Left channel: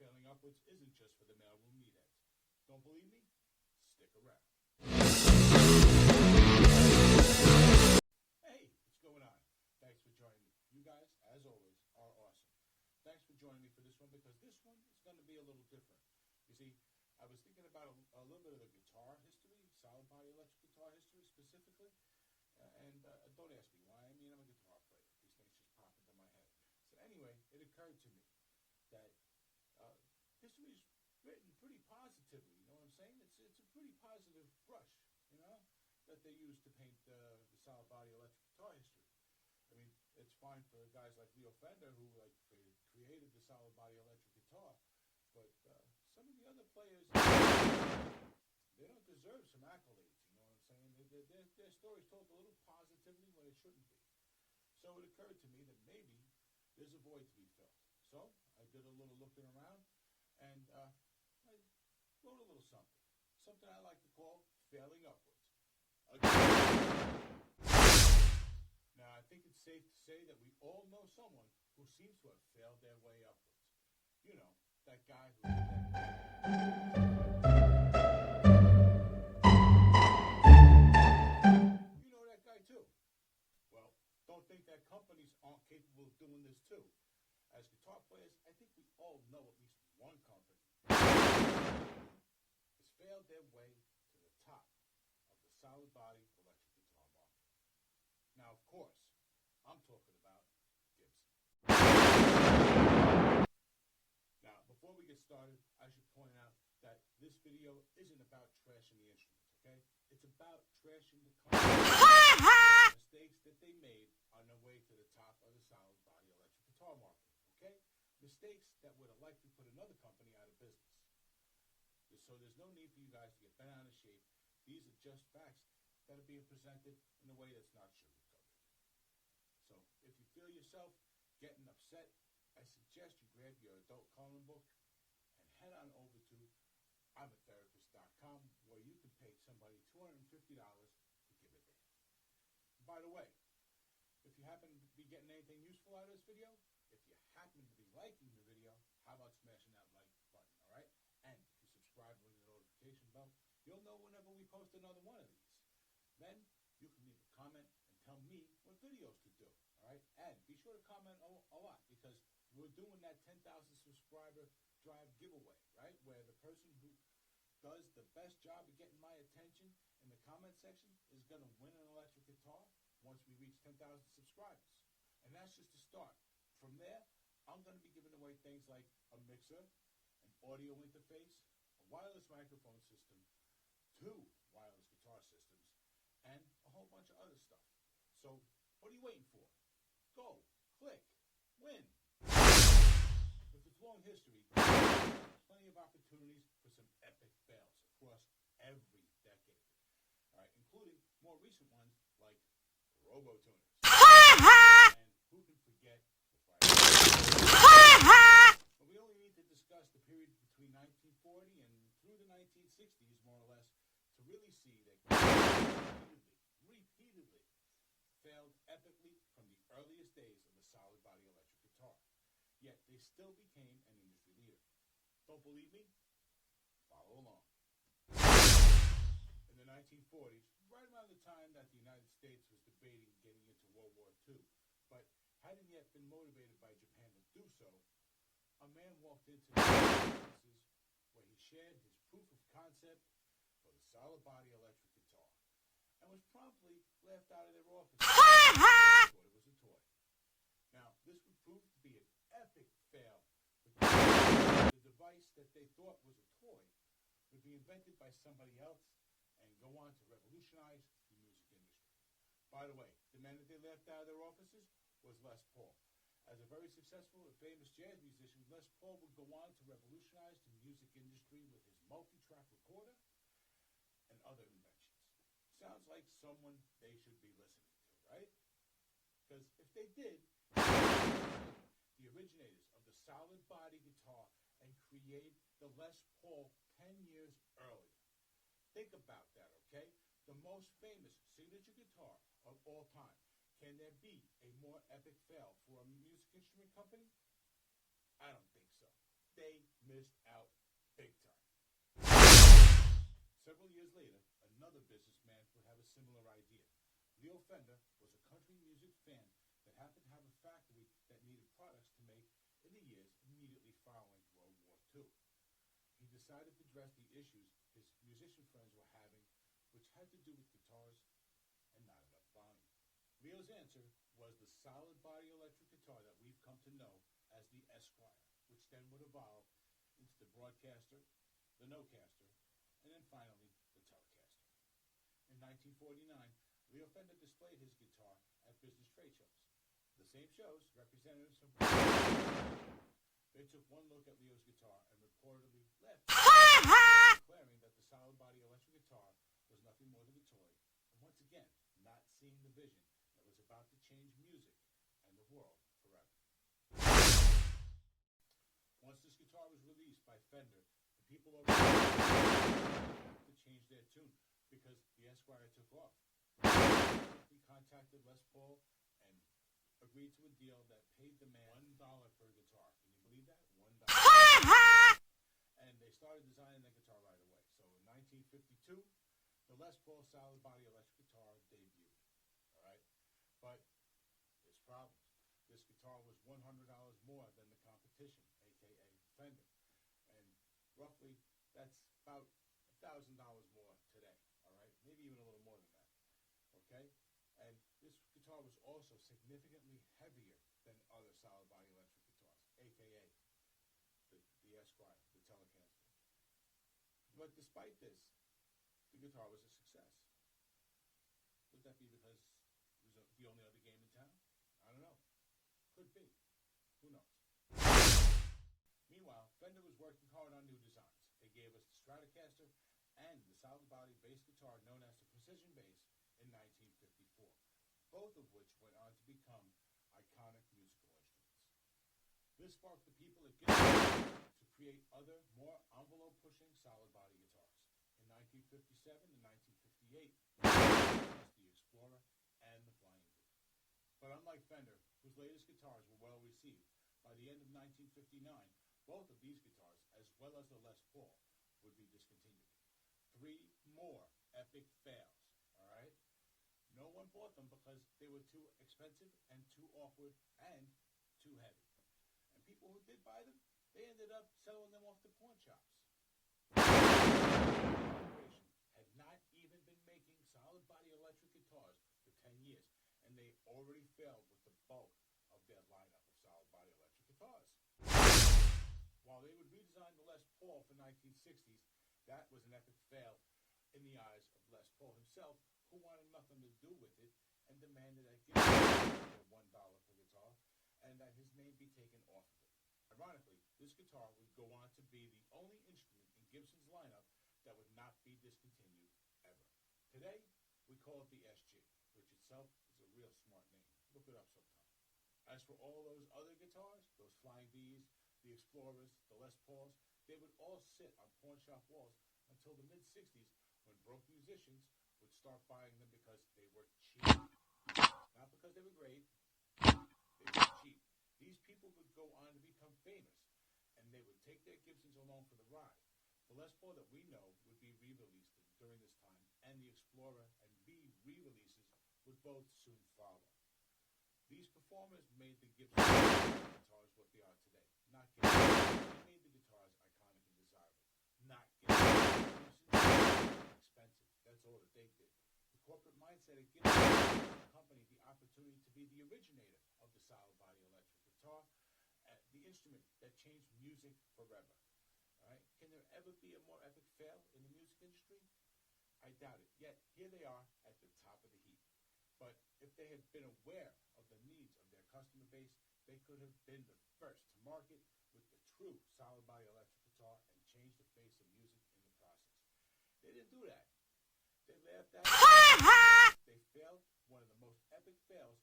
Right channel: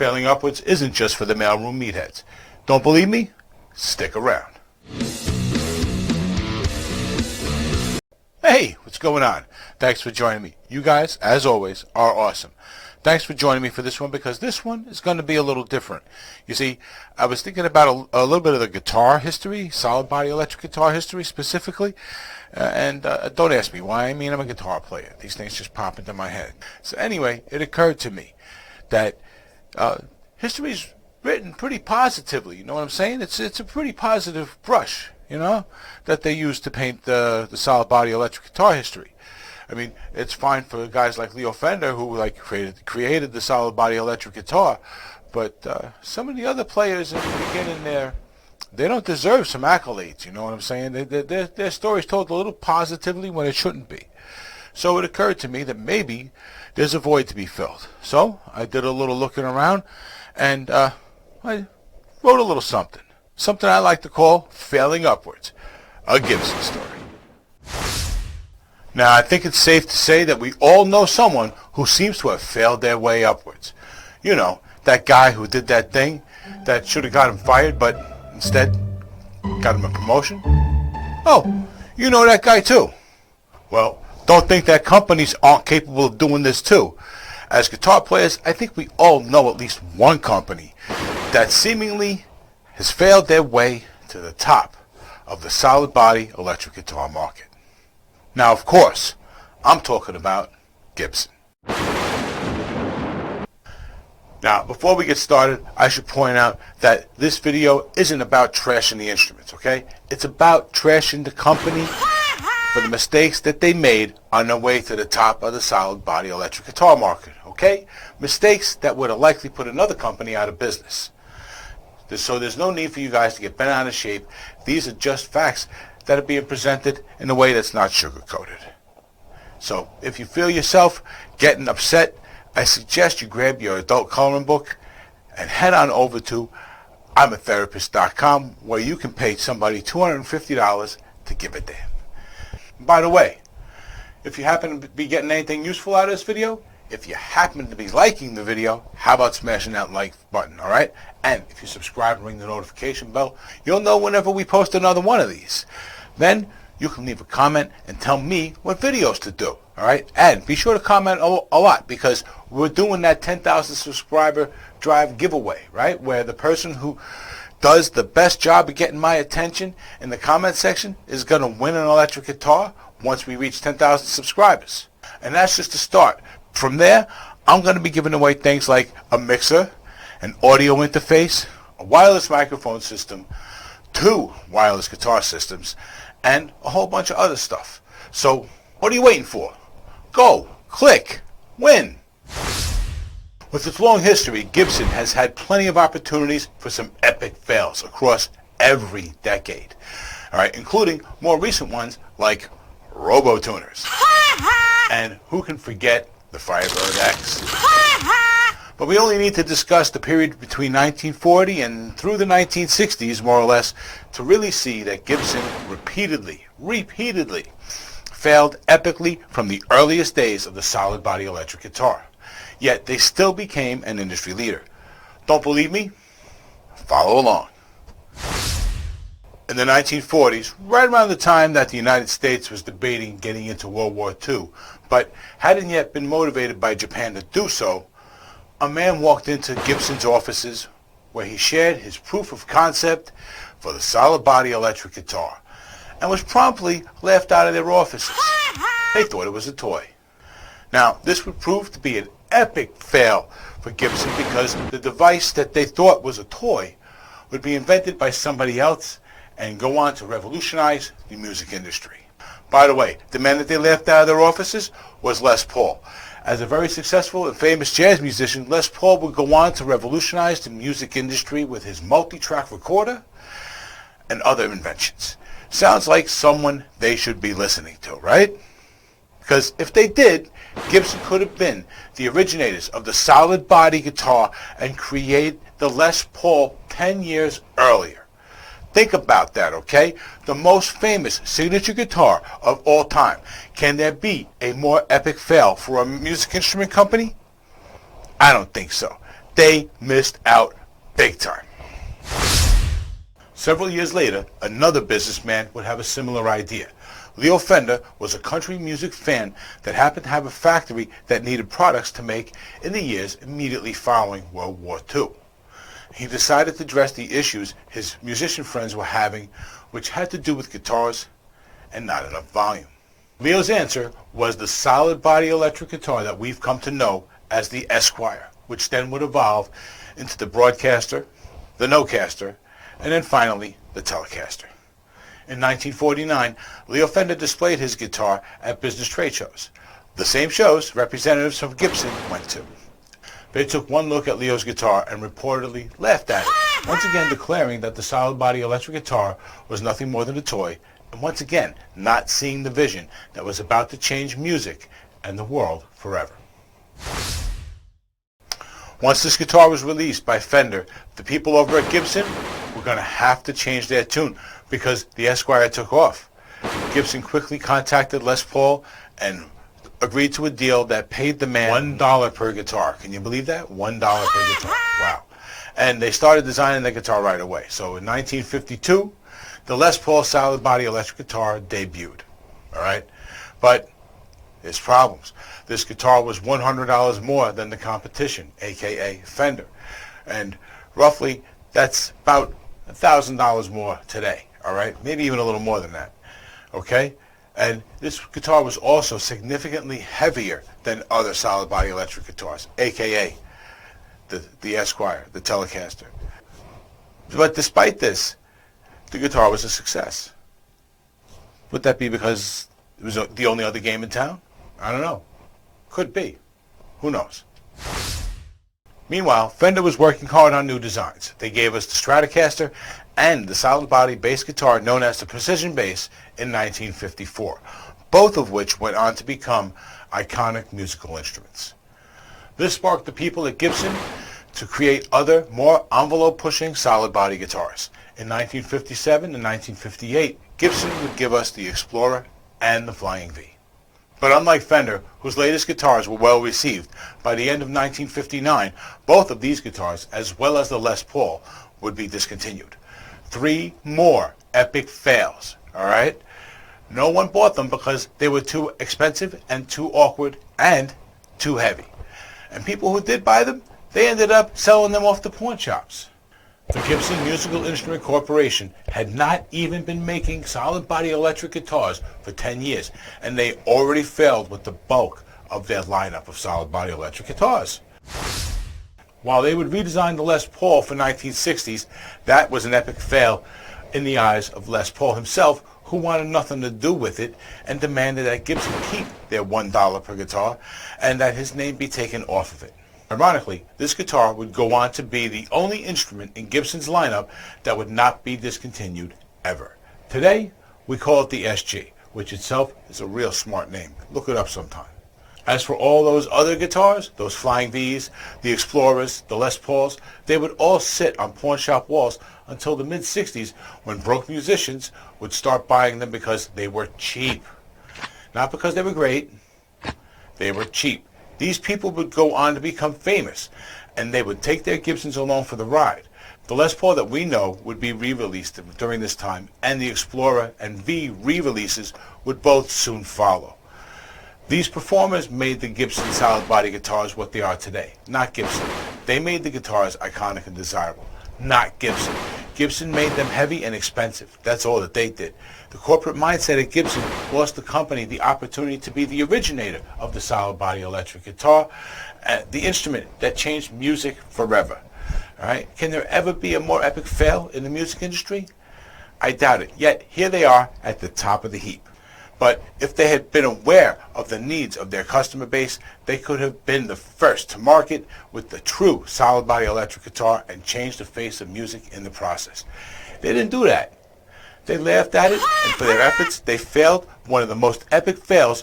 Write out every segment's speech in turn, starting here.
Failing upwards isn't just for the mailroom meatheads. Don't believe me? Stick around. Hey, what's going on? Thanks for joining me. You guys, as always, are awesome. Thanks for joining me for this one, because this one is going to be a little different. You see, I was thinking about a little bit of the guitar history, solid body electric guitar history specifically, and don't ask me why. I mean, I'm a guitar player. These things just pop into my head. So anyway, it occurred to me that history is written pretty positively. You know what I'm saying? It's a pretty positive brush, you know, that they use to paint the solid body electric guitar history. I mean, it's fine for guys like Leo Fender, who created the solid body electric guitar, but some of the other players in the beginning there, they don't deserve some accolades. You know what I'm saying? Their story's told a little positively when it shouldn't be. So it occurred to me that maybe there's a void to be filled. So I did a little looking around, and I wrote a little something I like to call Failing Upwards, a Gibson story. Now, I think it's safe to say that we all know someone who seems to have failed their way upwards. You know, that guy who did that thing that should have got him fired, but instead got him a promotion. Oh, you know that guy too. Well, don't think that companies aren't capable of doing this too. As guitar players, I think we all know at least one company that seemingly has failed their way to the top of the solid body electric guitar market. Now, of course, I'm talking about Gibson. Now, before we get started, I should point out that this video isn't about trashing the instruments, okay? It's about trashing the company for the mistakes that they made on their way to the top of the solid body electric guitar market, okay? Mistakes that would have likely put another company out of business. So there's no need for you guys to get bent out of shape. These are just facts that are being presented in a way that's not sugar-coated. So if you feel yourself getting upset, I suggest you grab your adult coloring book and head on over to imatherapist.com, where you can pay somebody $250 to give a damn. By the way, if you happen to be getting anything useful out of this video, if you happen to be liking the video, how about smashing that like button, all right? And if you subscribe and ring the notification bell, you'll know whenever we post another one of these. Then you can leave a comment and tell me what videos to do, all right? And be sure to comment a lot, because we're doing that 10,000 subscriber drive giveaway, right? Where the person who does the best job of getting my attention in the comment section is going to win an electric guitar once we reach 10,000 subscribers. And that's just the start. From there, I'm going to be giving away things like a mixer, an audio interface, a wireless microphone system, 2 wireless guitar systems, and a whole bunch of other stuff. So what are you waiting for? Go, click, win. With its long history, Gibson has had plenty of opportunities for some epic fails across every decade, all right, including more recent ones like robo-tuners. And who can forget the Firebird X? But we only need to discuss the period between 1940 and through the 1960s, more or less, to really see that Gibson repeatedly failed epically from the earliest days of the solid body electric guitar. Yet they still became an industry leader. Don't believe me? Follow along. In the 1940s, right around the time that the United States was debating getting into World War II, but hadn't yet been motivated by Japan to do so, a man walked into Gibson's offices where he shared his proof of concept for the solid body electric guitar, and was promptly laughed out of their offices. They thought it was a toy. Now, this would prove to be an epic fail for Gibson, because the device that they thought was a toy would be invented by somebody else and go on to revolutionize the music industry. By the way, the man that they laughed out of their offices was Les Paul. As a very successful and famous jazz musician, Les Paul would go on to revolutionize the music industry with his multi-track recorder and other inventions. Sounds like someone they should be listening to, right? Because if they did, Gibson could have been the originators of the solid body guitar and created the Les Paul 10 years earlier. Think about that, okay? The most famous signature guitar of all time. Can there be a more epic fail for a music instrument company? I don't think so. they missed out big time. Several years later, another businessman would have a similar idea. Leo Fender was a country music fan that happened to have a factory that needed products to make in the years immediately following World War II. He decided to address the issues his musician friends were having, which had to do with guitars and not enough volume. Leo's answer was the solid body electric guitar that we've come to know as the Esquire, which then would evolve into the Broadcaster, the Nocaster, and then finally the Telecaster. In 1949, Leo Fender displayed his guitar at business trade shows, the same shows representatives from Gibson went to. They took one look at Leo's guitar and reportedly laughed at it, once again declaring that the solid body electric guitar was nothing more than a toy, and once again not seeing the vision that was about to change music and the world forever. Once this guitar was released by Fender, the people over at Gibson were going to have to change their tune because the Esquire took off. Gibson quickly contacted Les Paul and agreed to a deal that paid the man $1 per guitar. Can you believe that? $1 per guitar. Wow. And they started designing the guitar right away. So in 1952, the Les Paul solid body electric guitar debuted. All right? But there's problems. This guitar was $100 more than the competition, aka Fender. And roughly that's about $1,000 more today. All right? Maybe even a little more than that. Okay? And this guitar was also significantly heavier than other solid body electric guitars, aka the Esquire, the Telecaster. But despite this, the guitar was a success. Would that be because it was the only other game in town? I don't know. Could be. Who knows? Meanwhile, Fender was working hard on new designs. They gave us the Stratocaster and the solid body bass guitar known as the Precision Bass in 1954, both of which went on to become iconic musical instruments. This sparked the people at Gibson to create other, more envelope-pushing solid body guitars. In 1957 and 1958, Gibson would give us the Explorer and the Flying V. But unlike Fender, whose latest guitars were well received, by the end of 1959, both of these guitars, as well as the Les Paul, would be discontinued. 3 more epic fails, all right? No one bought them because they were too expensive and too awkward and too heavy. And people who did buy them, they ended up selling them off to pawn shops. The Gibson Musical Instrument Corporation had not even been making solid body electric guitars for 10 years, and they already failed with the bulk of their lineup of solid body electric guitars. While they would redesign the Les Paul for 1960s, that was an epic fail in the eyes of Les Paul himself, who wanted nothing to do with it and demanded that Gibson keep their $1 per guitar and that his name be taken off of it. Ironically, this guitar would go on to be the only instrument in Gibson's lineup that would not be discontinued ever. Today, we call it the SG, which itself is a real smart name. Look it up sometime. As for all those other guitars, those Flying Vs, the Explorers, the Les Pauls, they would all sit on pawn shop walls until the mid-60s when broke musicians would start buying them because they were cheap. Not because they were great, they were cheap. These people would go on to become famous, and they would take their Gibsons along for the ride. The Les Paul that we know would be re-released during this time, and the Explorer and V re-releases would both soon follow. These performers made the Gibson solid body guitars what they are today, not Gibson. They made the guitars iconic and desirable, not Gibson. Gibson made them heavy and expensive. That's all that they did. The corporate mindset at Gibson lost the company the opportunity to be the originator of the solid body electric guitar, the instrument that changed music forever. All right? Can there ever be a more epic fail in the music industry? I doubt it. Yet here they are at the top of the heap. But if they had been aware of the needs of their customer base, they could have been the first to market with the true solid body electric guitar and change the face of music in the process. They didn't do that. They laughed at it, and for their efforts, they failed one of the most epic fails.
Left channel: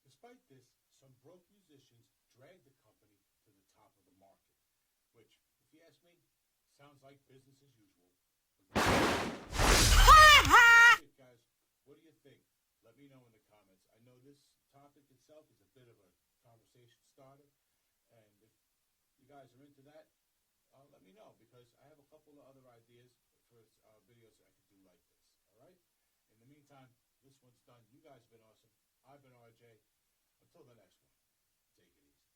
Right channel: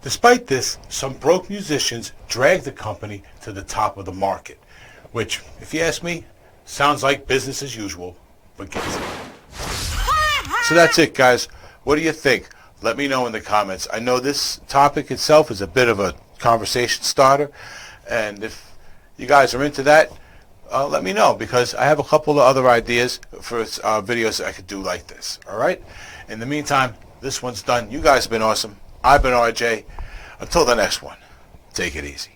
Despite this, some broke musicians dragged the company to the top of the market, which, if you ask me, sounds like business as usual for Gibson. So that's it, guys. What do you think? Let me know in the comments. I know this topic itself is a bit of a conversation starter, and if you guys are into that, let me know, because I have a couple of other ideas for videos that I could do like this. All right? In the meantime, this one's done. You guys have been awesome. I've been RJ. Until the next one, take it easy.